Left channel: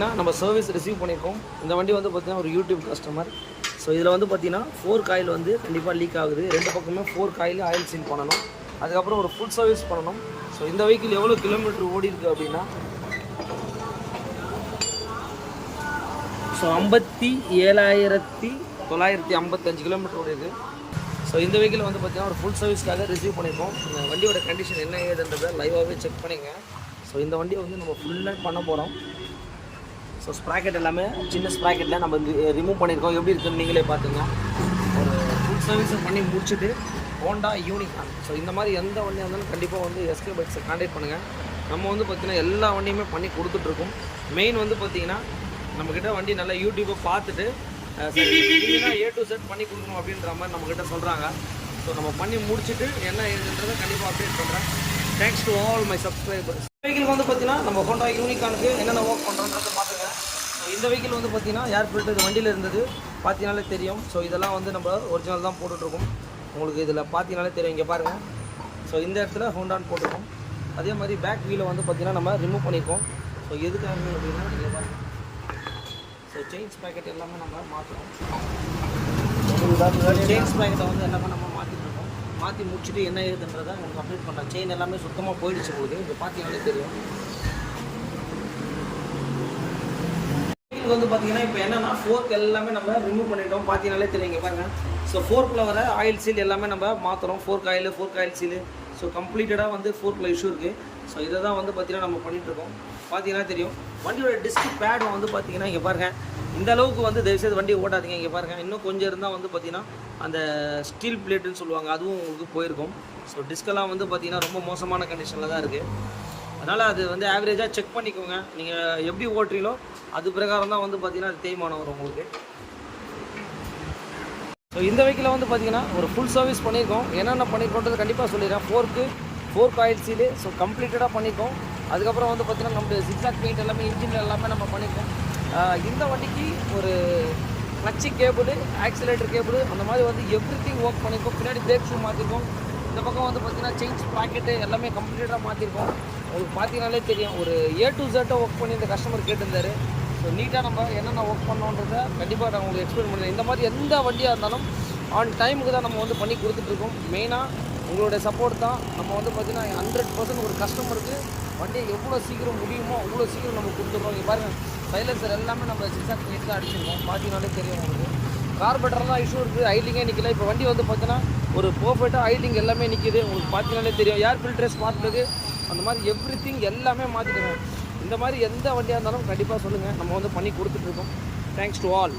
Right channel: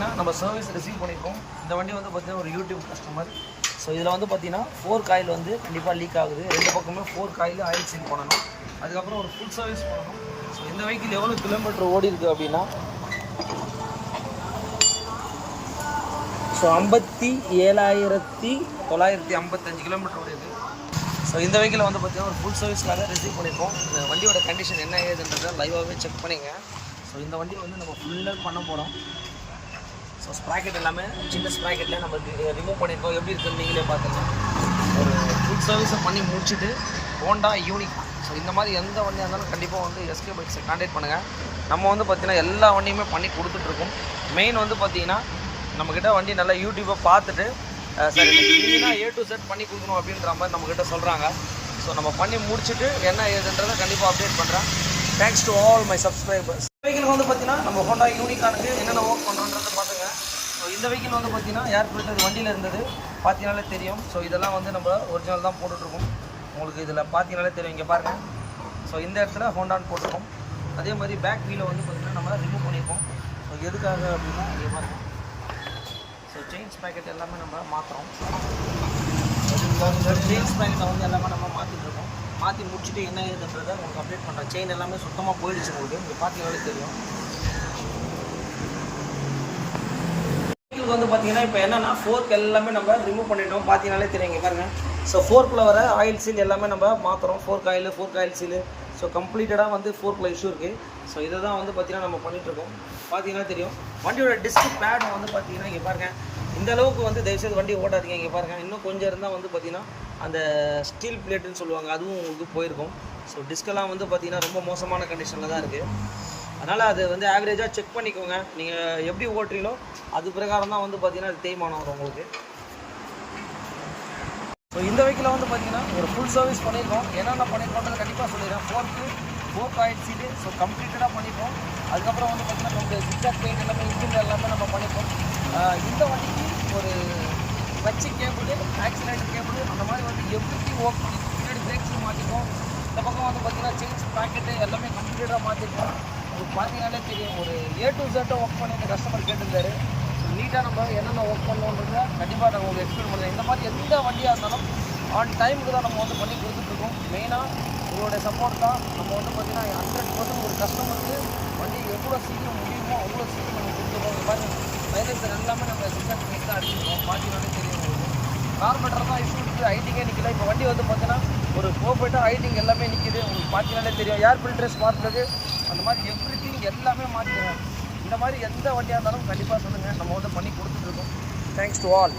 பார்த்தீங்கன்னா நம்ம service receive பண்ணியிருக்கோம். இந்த வண்டி வந்து பார்த்தீங்கன்னா ஒரு யூடியூப் கஸ்டமர். ஸோ இதில் வந்து பார்த்தீங்கன்னா 4 காயில் வந்து கண்டிப்பாக லீக் ஆகுது. 2 பக்கமே 4 காயில் ஆயில் சீல் பண்ணணும். அதுக்கப்புறம் ஒரு ஃபுல் சர்வீஸ் பண்ணணும். ஸோ இந்த வெஹிக்கிள் எவ்வளோ கிலோமீட்டர் ஓடி இருக்குது அப்படின்னா 57,955 கிலோமீட்டர் ஓடி இருக்குது. ஸோ இந்த வெஹிக்கிள் வந்து பார்த்தீங்கன்னா ஒரு ஃபுல் சர்வீஸ்க்காக ரிசீவ் பண்ணியிருக்கோம். இந்த வண்டியோட கண்டிஷன் என்ன ஏதுன்றதை லைவாகவே செக் பண்ணிங்க. ஸோ இந்த வண்டியை வந்து நம்ம ஃபுல்லாக பண்ண போகிறோம். ஸோ ஸ்ப்ராக்கெட் எல்லாமே சின்ன ஸ்ப்ராக்கெட்டில் நம்ம ரிமூவ் பண்ணியிருக்கோம். எப்படி இருக்குன்னு நீங்களே பார்த்தீங்கன்னா ஒரு ஃபுல் சர்வீஸை பண்ணி முடிச்சுட்டு ஹோண்டா யூனிகா. ஸோ இந்த மாதிரி எந்த வண்டியாக இருந்தாலும் கண்டிப்பாக வந்து எஸ்கே பைக்ஸை கான்டாக்ட் பண்ணுங்கள். நம்ம வந்து பார்த்திங்கன்னா எல்லா வண்டியுமே பண்ணி கொடுத்துட்ருக்கோம். மெயின் வந்து பார்த்திங்கன்னா நம்மக்கிட்ட வண்டி நல்லா யூடியூப்பை பார்த்துட்டு சரி க்ளீனாக A to Z பண்ணி கொடுக்கணும் அப்படின்ற மாதிரி நம்மக்கிட்ட சொல்கிறாங்க. ஸோ நம்ம பண்ணி முடிச்சுட்டு என்ன ஏதுன்றதை கண்டிப்பாக அப்டேட் பண்ணுறேன். Thanks to all my subscribers. வெஹிக்கிளுக்கு வந்து பார்த்தீங்கன்னா நம்ம ஹோண்டா யூனிகானுக்கு என்னென்ன ஒர்க் பண்ணுறோன்றதை பார்த்துங்க. ஸோ இந்த வெஹிக்கிள் வந்து பார்த்தீங்கன்னா ஏர் ஃபில்டர் வண்டியில் இருந்தது பார்த்தீங்கனாலே தெரியும். ஸோ இதெல்லாம் வந்து நம்ம ஒரிஜினல் தான் போட்டுட்ருக்கோம். உங்களுக்கு இதில் பார்த்தீங்கனாலே தெரியும். இங்கே பாருங்கள். ஸோ இந்த இடத்துல ஹோண்டான்னு போட்டிருக்கோம். அதே மாதிரி பேக் வீலை வந்து பார்த்திங்கன்னா நம்ம ரிமூவ் பண்ணியிருக்கோம். ஸோ எதுக்காக அப்படின்னா இங்கே பாருங்கள். ஸோ செயின் ஸ்ப்ராக்கெட் எல்லாமே நம்ம மாற்றுறோம். செயின் ஸ்ப்ராக்கெட்டை வந்து எல்லாமே நம்ம மாற்றிட்டுருக்கோம். மாற்றி முடிச்சுட்டு என்ன ஏதுன்றதை உங்களுக்கு அப்டேட் பண்ணுறேன். செயின் எல்லாமே சுத்தமாக போயிடுச்சு. உங்களுக்கு இங்கே பார்த்தீங்கனாலே தெரியும். வந்து பார்த்தீங்கன்னா இப்போ என்னென்னா ஃபோர்க் எல்லாமே நம்ம ரிமூவ் பண்ணிட்டோம். பார்த்தீங்கனாலே தெரியும். இங்கே பாருங்கள். ஸோ ஃபோர்க்கில் வர ஆயில் சீல் எல்லாமே நம்ம மாற்றுறோம். Fork oil seal. ஸோ கம்ப்ளீட்டடாக வந்து ஃபோர்க்கில் இஷ்யூ இருக்குது. ஸோ இதை தான் வந்து பார்த்திங்கன்னா நம்ம பண்ணிகிட்ருக்கோம். பார்த்தீங்கன்னா தெரியும். வண்டியோட டிஸ்க் பேடும் வந்து பார்த்திங்கன்னா இங்கே பாருங்கள். இந்த அளவுக்கு வந்து தயவுசெய்து வண்டி ஓட்டாதீங்க. இங்கே பாருங்கள். இன்னும் கொஞ்சம் இருந்தால் வந்து பார்த்திங்கன்னா அந்த ஸ்டீல் பிளேட்டுன்னு சொல்லுவாங்க, அதுவும் உங்களுக்கு போயிருக்கும். ஸோ டிஸ்கெல்லாம் வந்து பார்த்திங்கன்னா ரொம்ப மோசமான கண்டிஷனில் தான் இருக்குது. அதனால் அது வந்து ஆவரேஜாக செக் பண்ணிக்கோங்க. நீங்கள் எப்படி ஓட்டுறீங்களோ அது பிரகாரம் தான் வந்து பார்த்திங்கன்னா அது தேய்மானம் வரும் உங்களுக்கு. ஸோ இந்த வெஹிக்கில் வந்து பார்த்திங்கன்னா ஒரு ஃபுல் சர்வீஸ் பண்ணியிருக்கோம். என்னென்ன பண்ணியிருக்கோன்றது கண்டிப்பாக சொல்லிடுறேன். Fork oil seal. ஸோ கம்ப்ளீட்டடாக பண்ணியிருக்கோம். அதுக்கப்புறம் வந்து பார்த்திங்கன்னா நம்ம ஜிக்ஸாக் பெயிண்ட் எல்லாமே இன்ஜின் எல்லாமே நம்ம பண்ணியிருக்கோம். இந்த வண்டிக்கு ஒரு கிளட்சி கேபிள், ஆக்சிலேட்டர் கேபிள், அந்த மாதிரி வந்து எவ்ரிதிங் ஒர்க் பண்ணியிருக்கோம். பின்னாடி பிரேக் ஷூ மாற்றிருக்கோம். இந்த பக்கம் வந்து பார்த்திங்கன்னா செயின் ஸ்ப்ராக்கெட்டு எல்லாமே கம்ப்ளீட்டாக மாற்றிருக்கோம். உங்களுக்கு பார்த்தீங்கனாலே தெரியும். ஒரு A to Z ஒர்க் பண்ணி இந்த கஸ்டமர் கேட்டிருந்தாரு. ஸோ நீட்டாக நம்ம என்னென்ன ஒர்க் பண்ணோன்றத கண்டிப்பாக நான் உங்களுக்கு எக்ஸ்பிளைன் பண்ணுவேன். இந்த மாதிரி எந்த வண்டியாக இருந்தாலும் ஆன் டைமுக்கு தான் நம்ம வந்து பண்ணி கொடுத்துட்ருக்கோம். மெயினாக உங்களுடைய சப்போர்ட் தான். நம்ம வந்து பார்த்திங்கன்னா 100% ஒரு கஸ்டமருக்கு வண்டி எவ்வளோ சீக்கிரம் முடியுமோ அவ்வளோ சீக்கிரம் நம்ம கொடுத்துருக்கோம். இங்கே பாருங்கள். சைலன்சர் எல்லாமே நம்ம ஜிக்ஸாக் பெயிண்ட் தான் அடிச்சிருக்கோம். பார்த்தீங்கனாலே தெரியும் உங்களுக்கு. கார்பெட்டர் தான் இஷ்யூ இருக்குது. ஐட்டிங்கே நிற்கல. இப்போ வண்டி வந்து பார்த்தீங்கன்னா ஒரு பர்ஃபெக்டாக ஐட்டிங் எல்லாமே நிற்கிது. உங்களுக்கு பார்த்தீங்கனாலே தெரியும். ஏர் ஃபில்டர் ஸ்மார்ட் பிளக் அந்த மாதிரி எவ்ரிதிங் எல்லாமே மாற்றிடுங்க. இந்த மாதிரி எந்த வண்டியாக இருந்தாலும் கண்டிப்பாக சொல்லுங்கள். நம்ம வந்து பண்ணி கொடுத்துட்ருக்கோம். Thanks to all.